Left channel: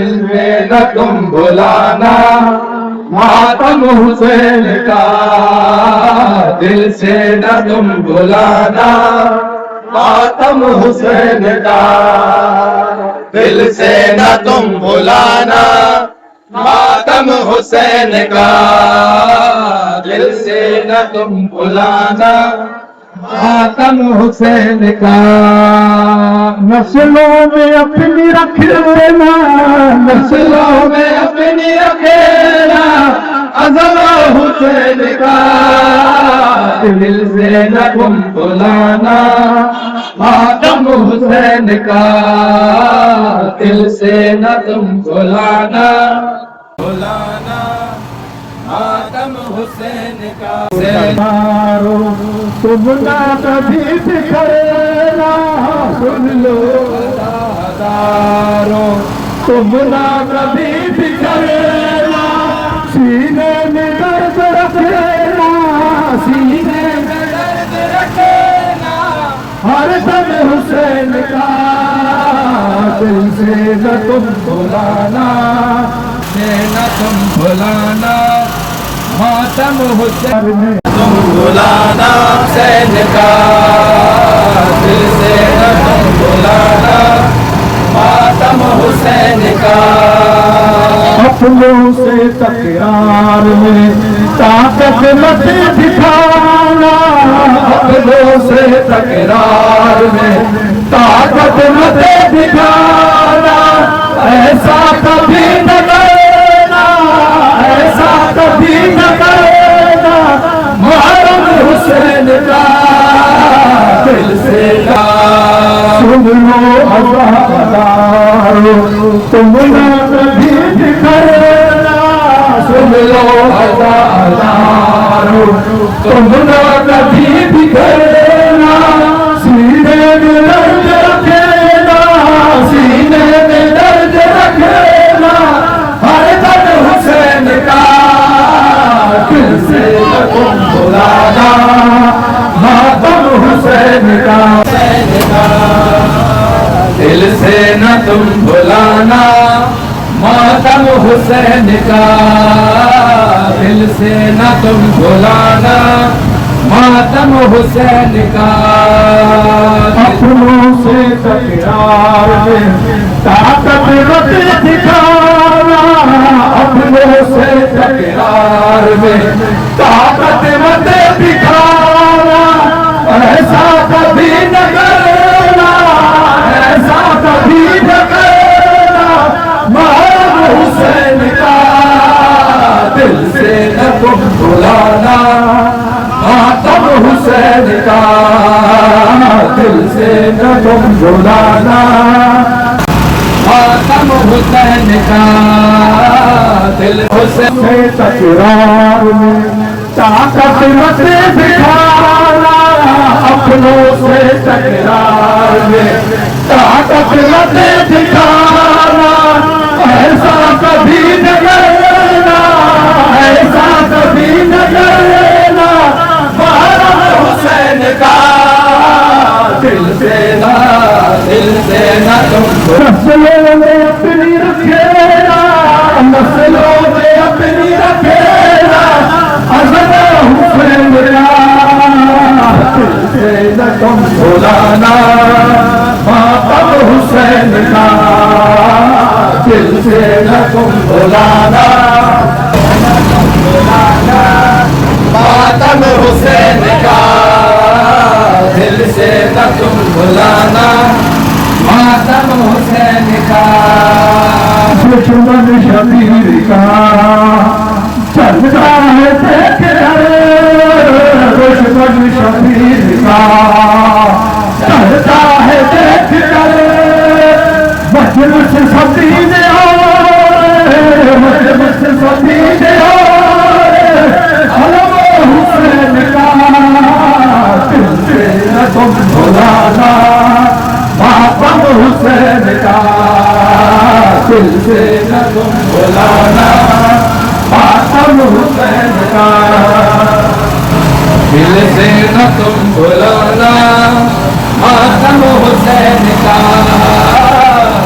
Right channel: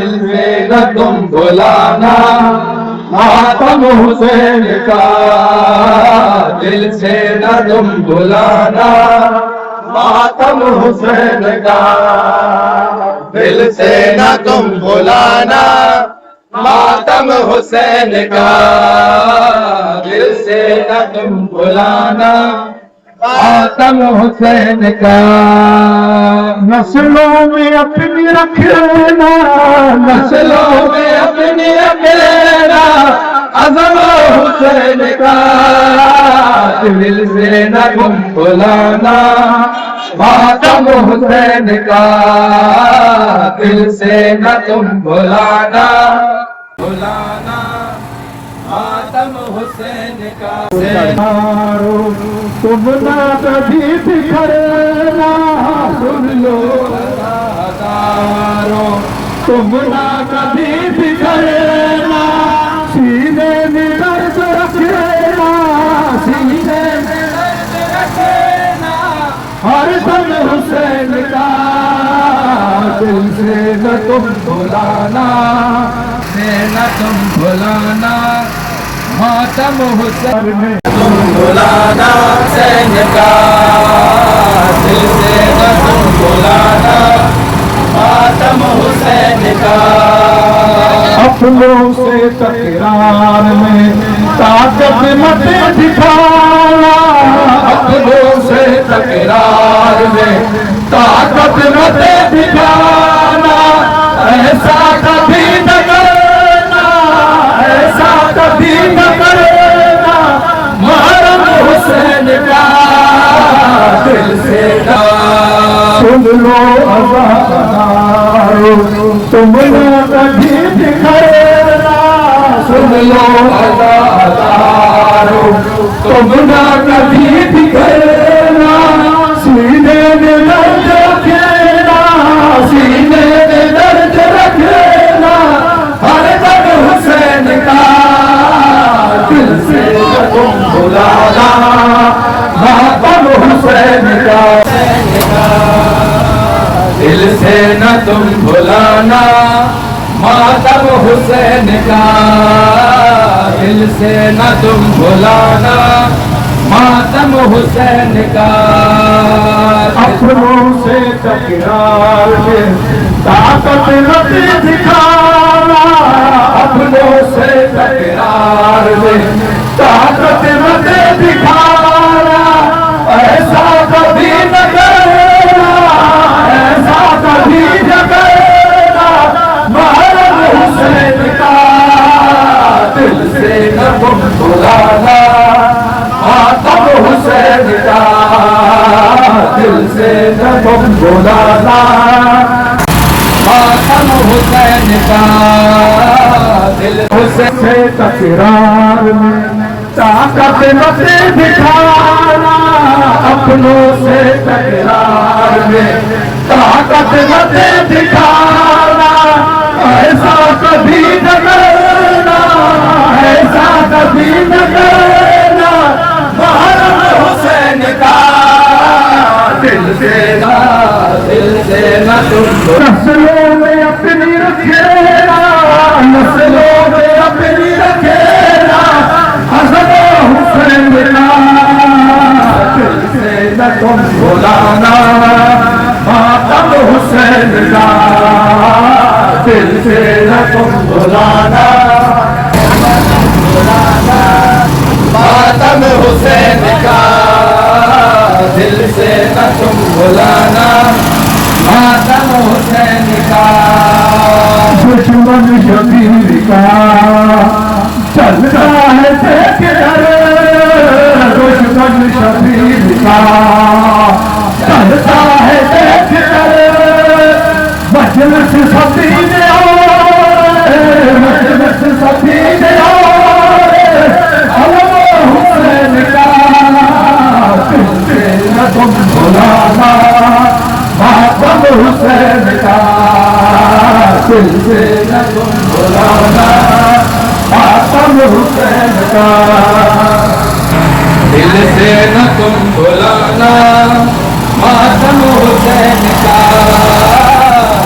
दिल से न तुम भुलाना मातम हुसैन का, दिल से न तुम भुलाना मातम हुसैन का, दिल से न तुम भुलाना मातम हुसैन का, दिल से न तुम भुलाना मातम हुसैन का। नस्लों में अपनी रख लेना, नस्लों में अपनी रख लेना अज़म हुसैन का, दिल से न तुम भुलाना मातम हुसैन का, दिल से न तुम भुलाना मातम हुसैन का। तुम ना कभी बिखरना, सुन लो अज़ादारों, तुम ना कभी बिखरना, सीने में दर्द रखेना, सीने में दर्द रखेना, हर दम हुसैन का, दिल से न तुम भुलाना, से न तुम भुलाना मातम हुसैन, तुम भुलाना हुसैन का, दिल से न तुम भुलाना मातम हुसैन का। अपनों से तकरार में ताकत मत दिखाना, अपनों से तकरार में ताकत मत दिखाना, ऐसा कभी न करना, ऐसा कभी न करना, मुहर्रम हुसैन का, दिल से सुन लो अज़ादारों, तुम ना कभी बिखरना, सुन लो अज़ादारों, तुम ना कभी बिखरना, सीने में दर्द रखेना, सीने में दर्द रखेना, हर दम हुसैन का, दिल से न तुम भुलाना मातम हुसैन का, दिल से न तुम भुलाना मातम हुसैन का, दिल से न तुम भुलाना मातम हुसैन का। अपनों से तकरार में ताकत मत दिखाना, अपनों से तकरार में ताकत मत दिखाना, ऐसा कभी न करना, ऐसा कभी न करना, मुहर्रम हुसैन का, दिल से न तुम भुलाना मातम हुसैन का, दिल से न तुम भुलाना मातम हुसैन का, दिल से तकरार में ताकत मत दिखाना, अपनों से तकरार में ताकत मत दिखाना, ऐसा कभी न करना, ऐसा कभी न करना, मुहर्रम हुसैन का, दिल से न तुम नस्लों में अपनी रखेना, नस्लों में अपनी रखेना, अज़म हुसैन का, दिल से न तुम भुलाना मातम हुसैन का, दिल से न तुम भुलाना मातम हुसैन का, दिल से न तुम भुलाना मातम हुसैन का। दुश्मन शबीर का चलता है देख कर, दुश्मन शबीर का चलता है देख कर, मजलिस सदीन आए, मजलिस सदीन आए, अलम हुसैन का, दिल से न तुम भुलाना मातम हुसैन का, दिल से न तुम भुलाना मातम हुसैन का, दिल से न तुम भुलाना मातम हुसैन का,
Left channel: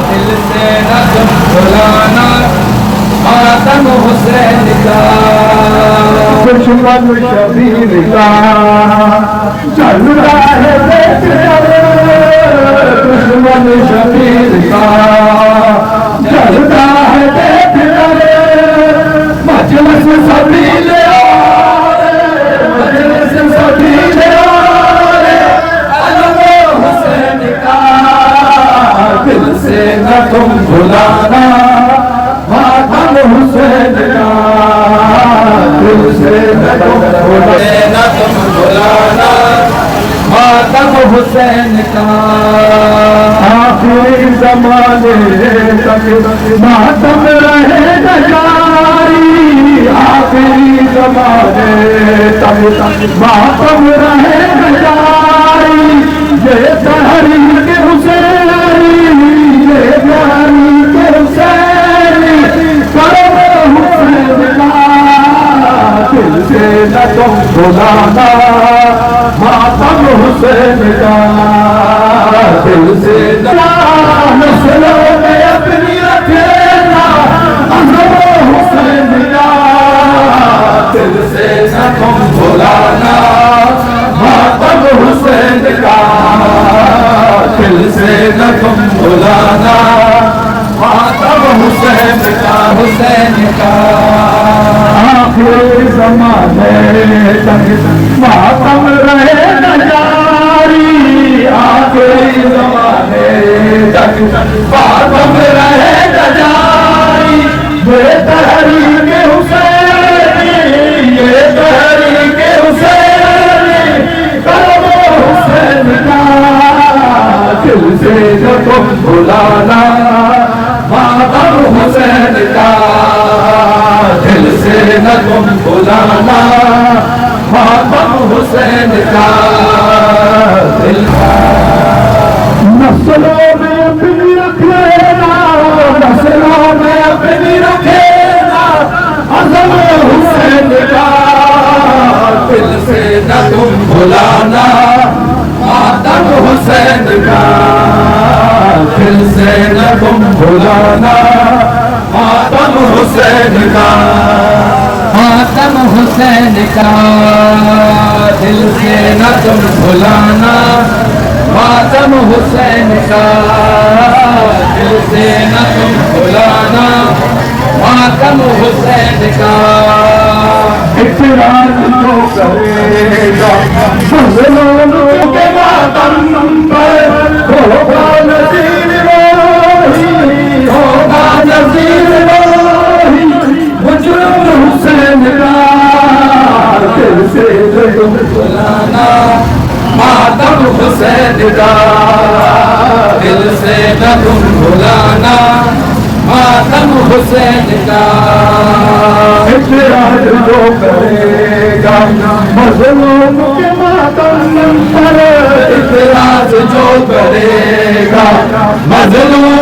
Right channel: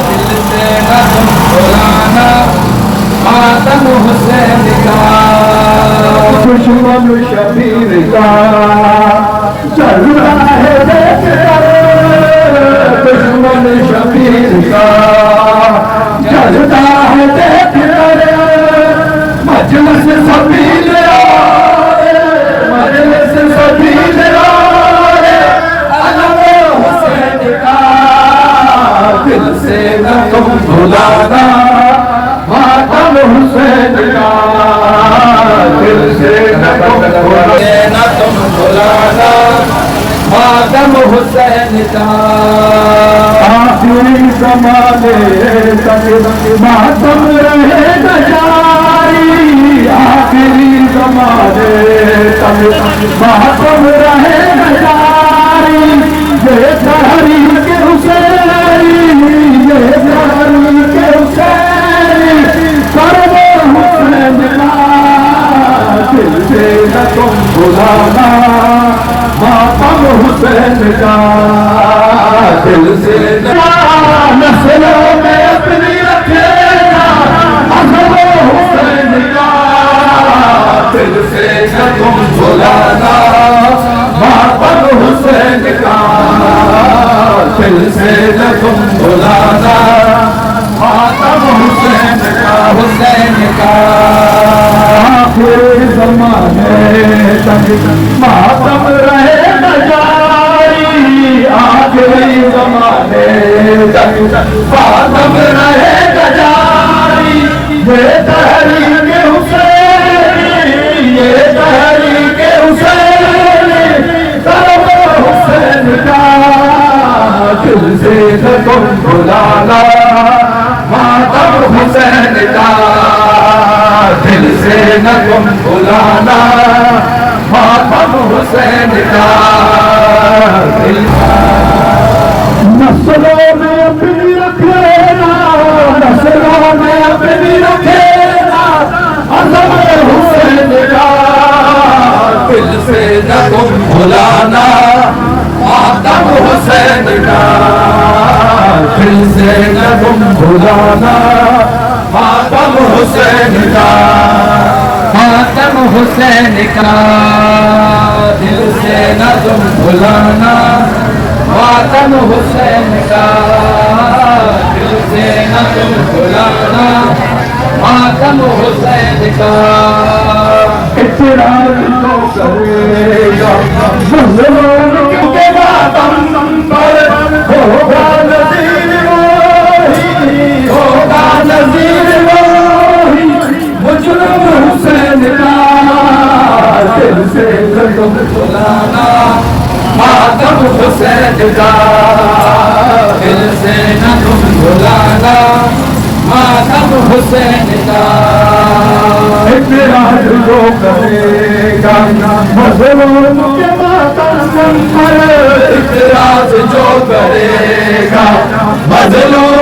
दिल से न तुम भुलाना मातम हुसैन का दुश्मन शबीर का चल रहा है देख दुश्मन शबीर का चलता है देख मजलिस सभी मजलिस सभी हुसैन का दिल से न तुम भुलाना मातम हुसैन का दिल से न तुम भुलाना मातम हुसैन का आखिरी ज़माने तक मातम रहे न जारी आखिरी ज़माने तक मातम रहे न जारी ये तहरीक हुसैनी ये तहरीक हुसैनी परवो हुसैन का दिल से न तुम भुलाना मातम हुसैन का दिल से नस्लों में अपनी रखेगा अज़म हुसैन का दिल से न तुम भुलाना मातम हुसैन का दिल से न तुम भुलाना मातम हुसैन का हुसैन का आखिरी ज़माने तक मातम रहे न जारी आखिरी ज़माने तक मातम रहे न जारी ये तहरीक हुसैनी ये तहरीक हुसैनी परवो हुसैन का दिल से न तुम भुलाना मातम हुसैन का दिल से न तुम भुलाना मातम हुसैन का दिल का नस्लों में अपनी रखेगा नस्लों में अपनी रखेगा अज़म हुसैन का दिल से न तुम भुलाना मातम हुसैन का दिल से न तुम भुलाना मातम हुसैन का मातम हुसैन का दिल से न तुम भुलाना मातम हुसैन का दिल से न तुम भुलाना मातम हुसैन का इतराज जो करेगा मुसलमानों के मातम पर होगा नज़ीर मोही होगा नज़ीर मोही मुजरिम हुसैन का दिल से तुम भुलाना मातम हुसैन का दिल से न तुम भुलाना मातम हुसैन का इतराज जो करेगा मुसलमानों के मातम पर इतराज जो करेगा मजलूम